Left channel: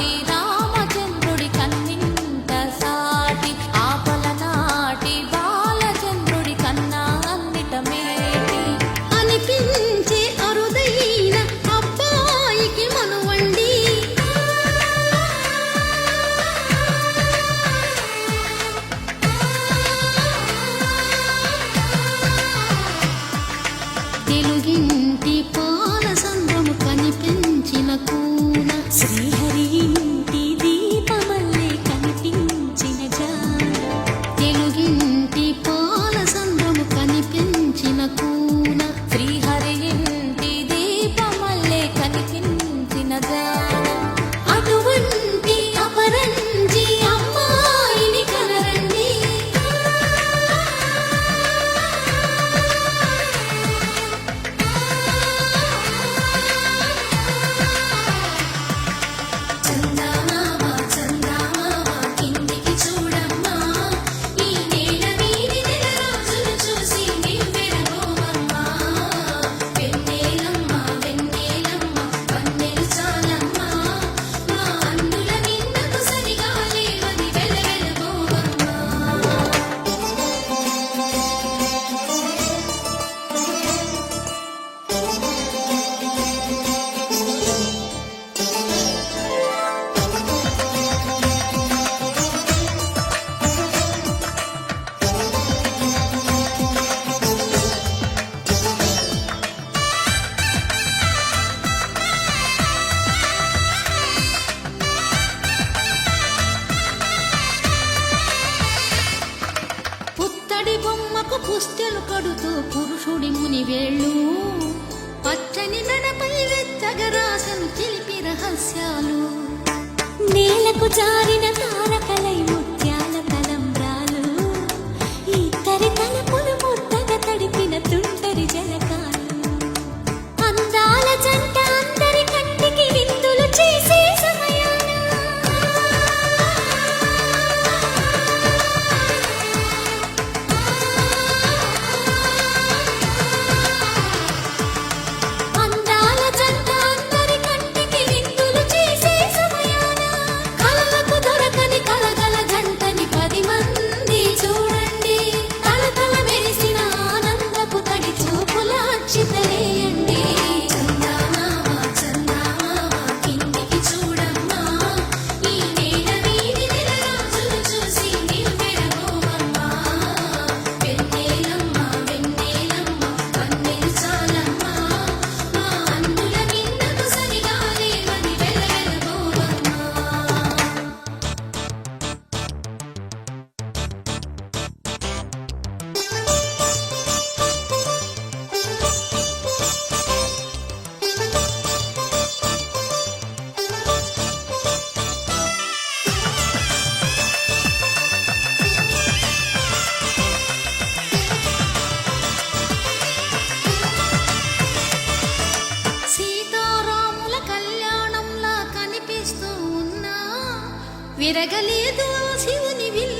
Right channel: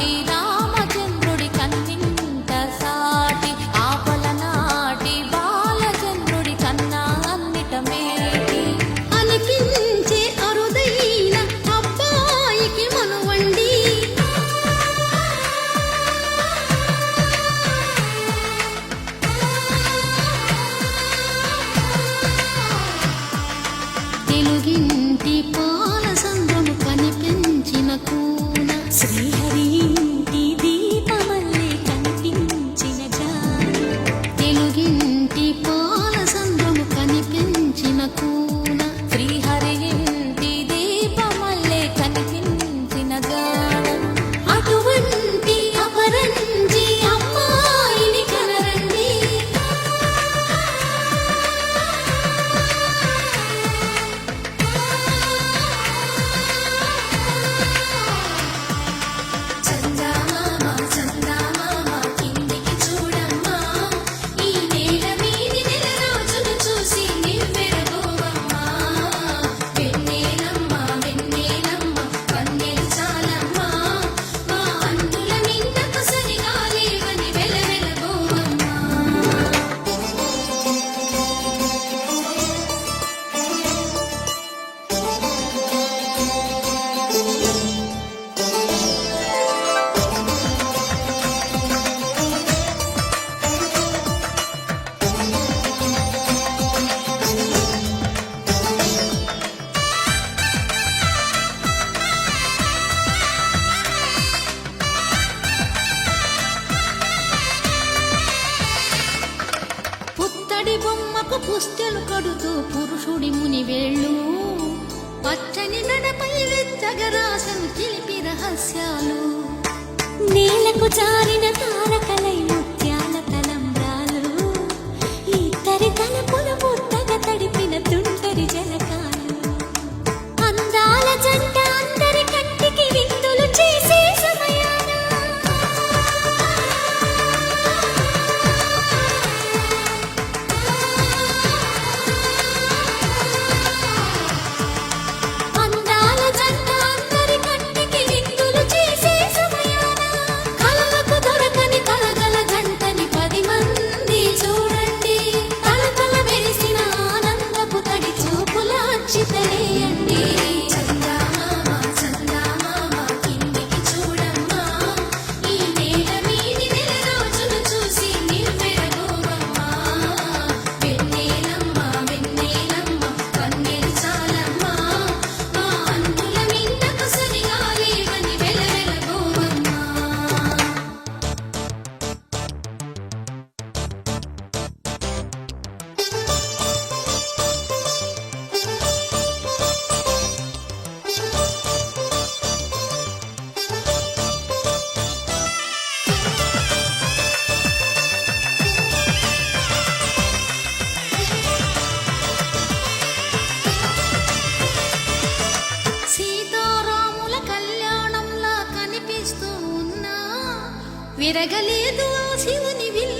నాటి రామచంద్రుడి కన్నింత సాటి ఆపల నాటి బాలచంద్రుడి కన్నా అన్నిట మేటి అనిపించే అరుదైన అబ్బాయికి మనువండి తెలుగింటి పాలసంద్రము కనిపించిన కూన శ్రీహరి ఇంటి దీపమల్లే కనిపించిన జాన తెలుగింటి పాలసంద్రము కనిపించిన కూన శ్రీహరి ఇంటి దీపమల్లే కనిపించిన జాన అటువంటి అపరంజి అమ్మాయిని కనరండి పుత్తడి బొమ్మకు పుస్తెలు కడుతూ పురుషుడి ముని వేళ్ళు పచ్చని మెడపై వెచ్చగరాసను చిలిపి రహస్యాలు నేలకు జారిన తారకలై ముత్యాల తలంబ్రాలు ఇద్దరి తలపులు ముద్దగా తడిపిన తుంటరి జలకాలు అందాల జంట అందరి కంటికి విందులు చేసే సమయాన అందాల జంట అందరి కంటికి విందులు చేసే సమయాన కలలకు దొరకని కలగల జంటని 10 మంది చూడండి తలతల మెరిసిన ఆనందపు తడి చూపుల అక్షితలేయండి సీతారాముల కళ్యాణంలా కనిపిస్తూ ఉన్నా విరగలేదు ఆ శివుని విల్లు